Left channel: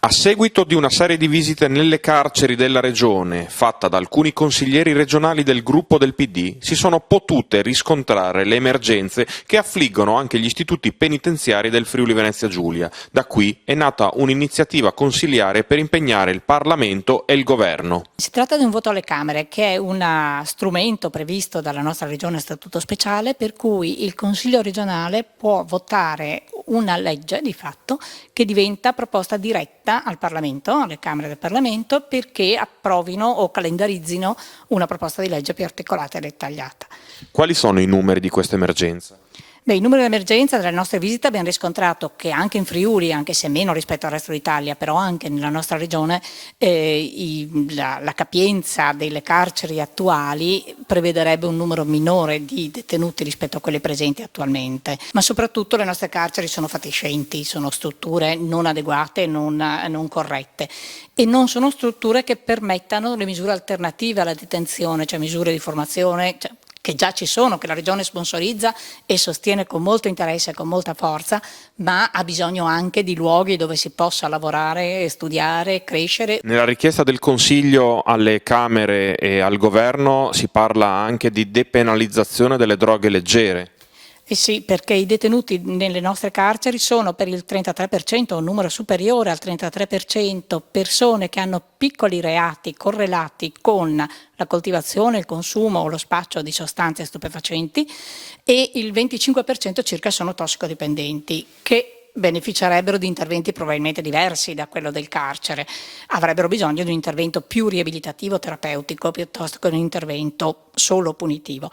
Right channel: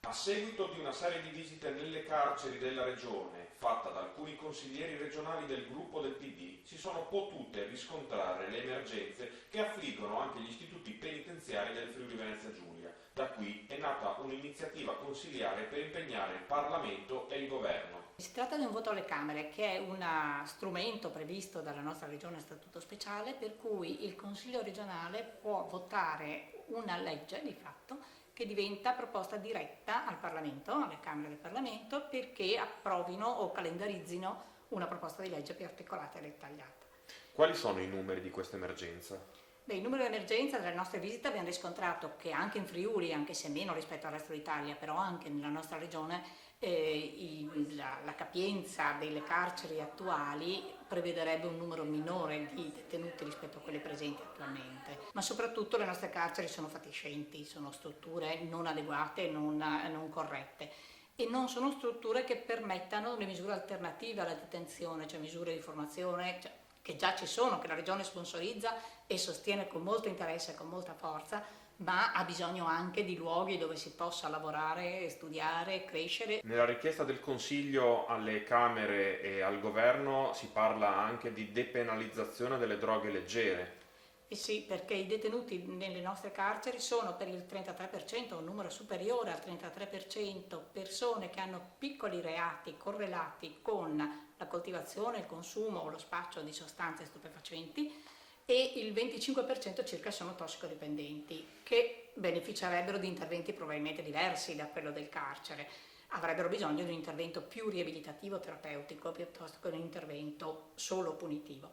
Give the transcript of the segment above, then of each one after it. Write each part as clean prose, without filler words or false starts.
A seguito di una serie di visite nelle carceri della regione, fatta da alcuni consiglieri regionali del gruppo del PD, si sono potute riscontrare le emergenze che affliggono anche gli istituti penitenziari del Friuli Venezia Giulia. Da qui è nata un'iniziativa consiliare per impegnare il Parlamento e il Governo. Si tratta di un voto alle Camere, che è un strumento previsto dalla nostra regione a statuto speciale, per cui il Consiglio regionale può votare una legge di fatto che diventa proposta diretta al Parlamento, alle Camere del Parlamento, perché approvino o calendarizzino una proposta di legge più articolata e dettagliata. Quali sono i numeri di questa emergenza? Beh, il numero di emergenza delle nostre visite abbiamo riscontrato che anche in Friuli, anche se meno rispetto al resto d'Italia, però anche nella nostra regione, la capienza delle carceri attuali prevederebbe un numero minore di detenuti rispetto a quelli presenti attualmente, ma soprattutto le nostre carceri sono fatiscenti, sono strutture non adeguate, non corrette e non sono strutture che permettano le misure alternative alla detenzione, cioè misure di formazione, che già ci sono, che la Regione sponsorizza e sostiene con molto interesse e con molta forza, ma ha bisogno anche di luoghi dove si possa lavorare, studiare, crescere. Nella richiesta del Consiglio alle Camere e al Governo si parla anche di depenalizzazione delle droghe leggere. Eh sì, perché i detenuti nelle nostre carceri sono per il 33%, un numero superiore al 33%, persone che hanno piccoli reati correlati con la coltivazione, il consumo o lo spaccio di sostanze stupefacenti e il 25% circa sono tossicodipendenti, che beneficerebbero di interventi probabilmente diversi da quello del carcere, avrebbero bisogno di un intervento più riabilitativo, terapeutico, piuttosto che un intervento solo punitivo.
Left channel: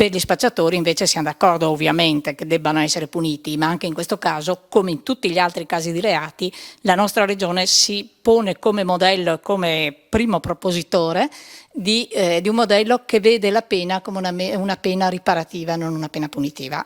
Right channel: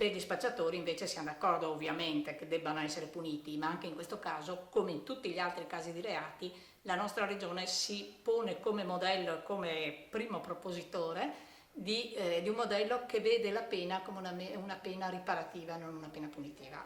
Per gli spacciatori invece siamo d'accordo ovviamente che debbano essere puniti, ma anche in questo caso, come in tutti gli altri casi di reati, la nostra regione si pone come modello e come primo propositore di un modello che vede la pena come una pena riparativa, non una pena punitiva.